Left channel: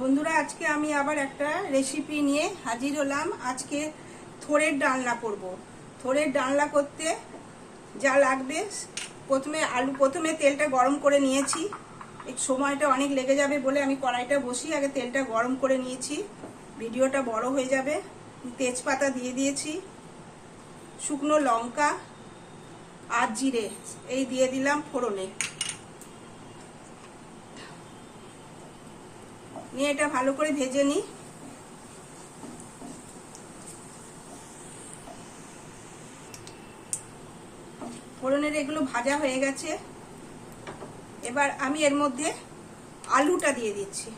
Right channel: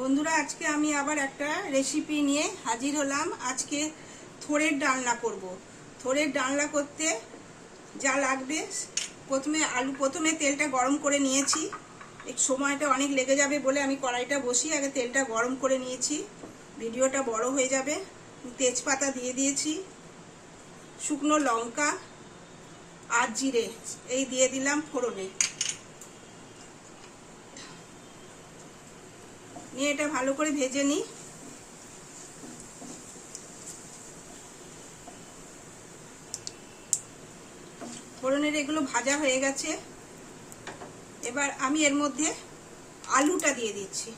বন্ধুরা, আজকে আমি আবার একটা রেসিপি নিয়ে হাজির হলাম। আজকে থোড়ের ডালনা করব। থোড়ের ডালনা করতে যা লাগবে, প্রথমে তেলটা গরম করে নিয়েছি। এই সময়টা অনেক লেগে যাবে বলে আমি কড়াইটা বসিয়ে আগে তেলটা গরম করে নিয়েছি, ভিডিওটা বড় হয়ে যাবে। তেজপাতা দিয়ে দিয়েছি, শুকনো লঙ্কা আর জিরে এই দিয়ে দিলাম ফোড়নে। নিয়ে এটা ভালো করে ভেজে নিই। ফোড়নের এগুলো ভাজা হয়ে গেছে। এবার আমি এর মধ্যে আলুটা দিয়ে দিচ্ছি।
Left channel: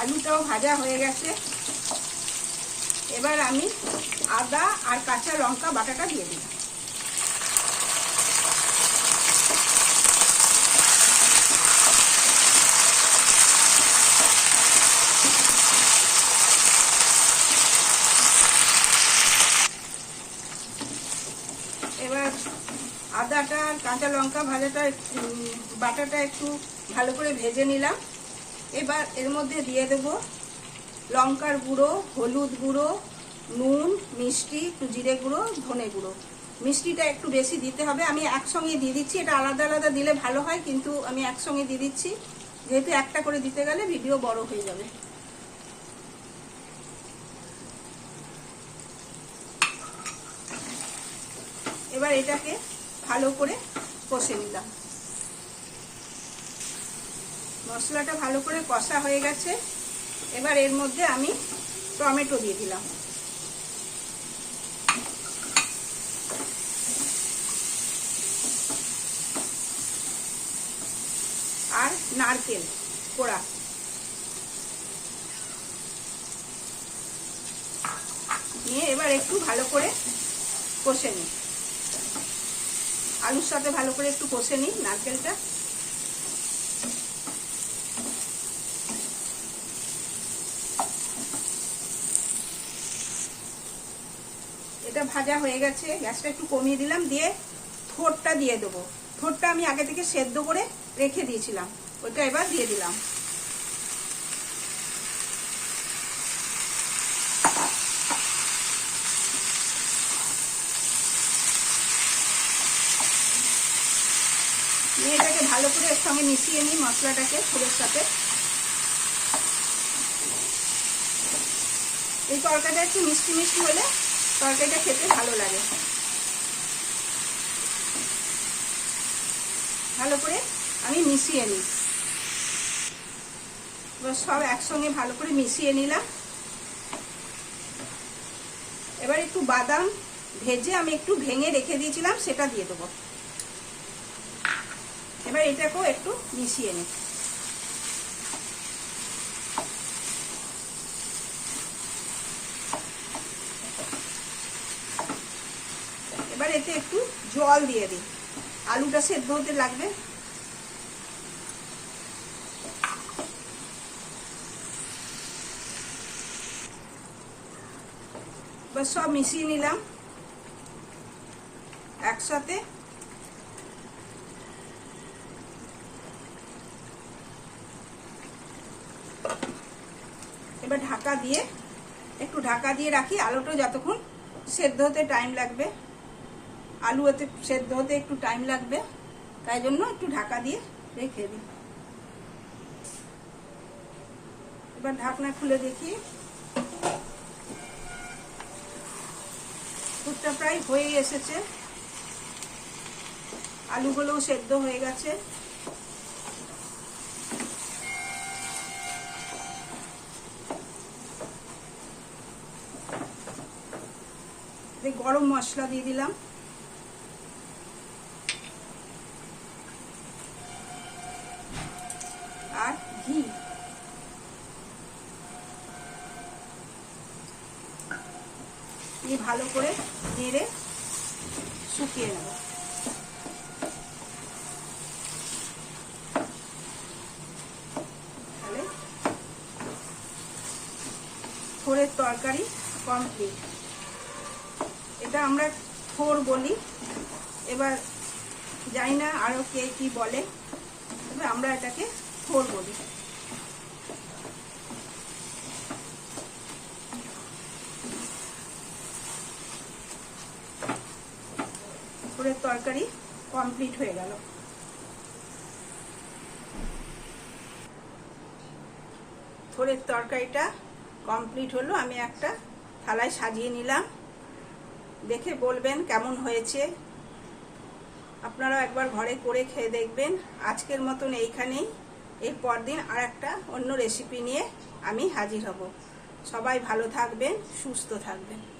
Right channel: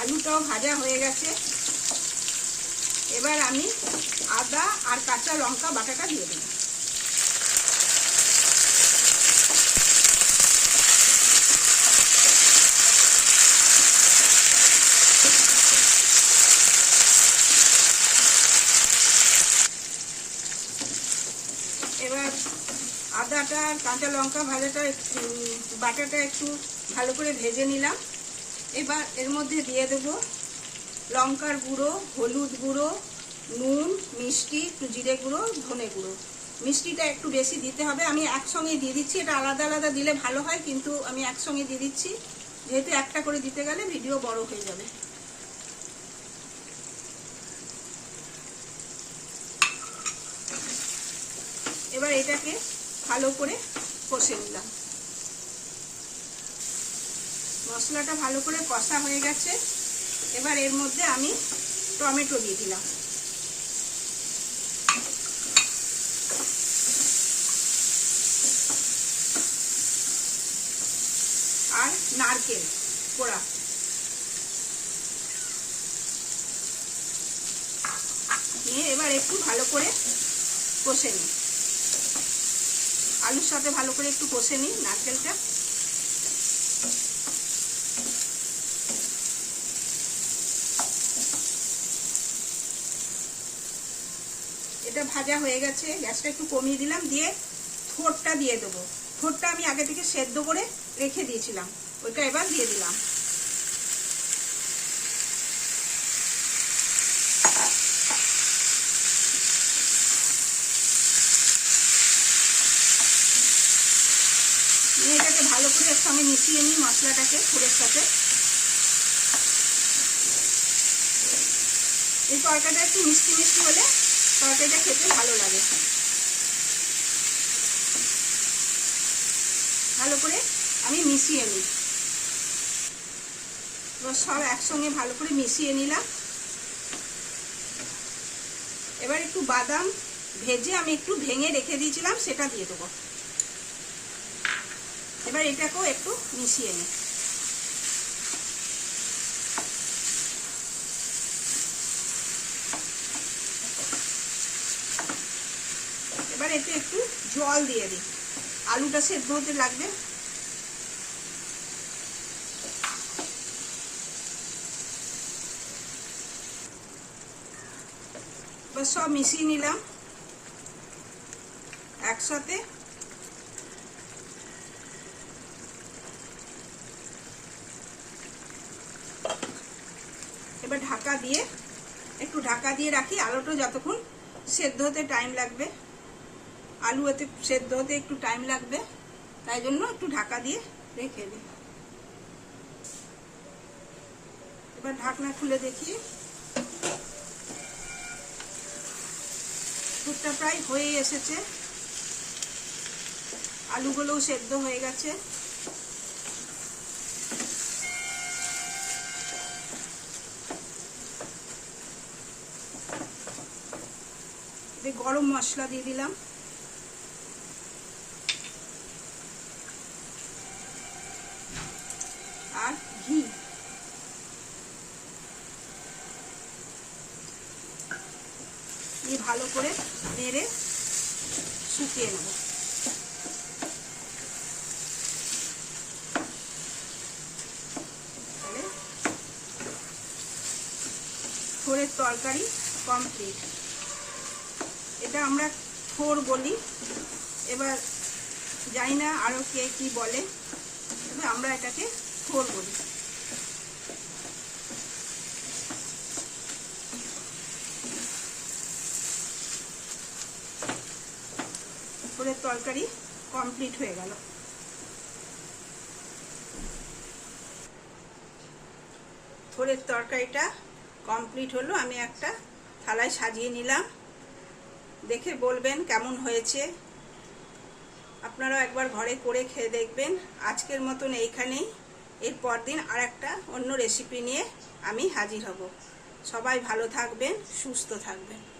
আলুটাও ভাজা হয়ে গেছে। এবার আমি আদা আর কাঁচা লঙ্কা বাটাটা দিয়ে দিই। এবার আদাটা আর কাঁচা লঙ্কা বাটাটা একটু ভালো করে ভেজে নিলাম। এবার এর মধ্যে দিয়ে দেব লঙ্কার গুঁড়ো, হলুদ গুঁড়ো, নুন, মিষ্টি, একটু জিরে গুঁড়ো, ধনে গুঁড়ো। মিষ্টিটা একটু বেশি দিতে হবে। আমি একসঙ্গে দিয়ে দিচ্ছি, এটা আলাদা আলাদা দিলে ভালো হয়, কিন্তু আমি একসঙ্গে দিয়ে দিচ্ছি, যেহেতু একটা করে দিতে গেলে ভিডিও বড় হয়ে যাবে। এবার এটাকে ভালো করে কষে নিলাম। মশলাটা ভালো করে কষা হয়ে গেছে। এবার এর মধ্যে আমি টমেটো দিয়ে দিলাম আর নারকেল কোড়া। নিয়ে এবার একটু ভালো করে কষে নিই, আলুর সাথে ভালো করে একটু কষে নিই নারকেলটা। এটা ভাজা হয়ে গেছে, গ্যাসটা একটু কমিয়ে দিলাম। দিয়ে থোড়টা দিয়ে দেবো। থোড়টা আমি আগে থেকে সেদ্ধ করে রেখে দিয়েছিলাম, ওইটা এবার দিয়ে দিলাম। এটাকে ভালো করে এর সঙ্গে মিশিয়ে নিই মশলাটাকে থোড়ের সাথে। এই তরকারিটা একটু মিষ্টি মিষ্টি হলে তরকারিটা খেতে ভালো লাগে। ভালো করে আমি মিশিয়ে নিই। এবার সব একসঙ্গে ভালো করে মিশিয়ে নিলাম। এবার একটু বাদাম ভেজে আমি একটু ভেঙে রেখে দিয়েছিলাম, সেটা দিয়ে দেবো। এবার এটাকেও একটু মিশিয়ে নিই। এবার এতে একটু জল দিয়ে দিই, আলুটা সেদ্ধ হতে লাগবে। এবার সব মিশিয়ে নিলাম একসাথে। এবার একটু ঢাকা দিয়ে রাখি, আলুটা যতক্ষণ সেদ্ধ হতে টাইম লাগবে। আলু এতে সেদ্ধ হতে একটু টাইম লাগবে, তাই জন্য একটু ঢাকা দিয়ে রেখে দিই। এবার ঢাকনা খুলে দেখি, দুধটা প্রায় হয়ে এসেছে, আলুগুলোও সেদ্ধ হয়ে গেছে। গরম মশলা দিয়ে দিলাম, আর ঘি। দিয়ে ভালো করে নেড়ে শুকিয়ে নেব। থোড়ের তরকারি কমপ্লিট। এটা আমরা থোড় বলি, এবার জানি না আরও কে কী বলে, তবে আমরা এটাকে থোর বলি। থোরের তরকারি কমপ্লিট হয়ে গেল। থোরের তরকারিটা কমপ্লিট হলো, আমি একটা থালায় সাজিয়ে নিলাম। দেখে বলবেন কেমন হয়েছে। আপনারাও একবার ঘরে করে খেয়ে দেখবেন। আজকের মতন এইখানেই, এর পরদিন আর একটা অন্য রেসিপি নিয়ে আমি হাজির হব। সবাই ভালো থাকবেন, সুস্থ থাকবেন।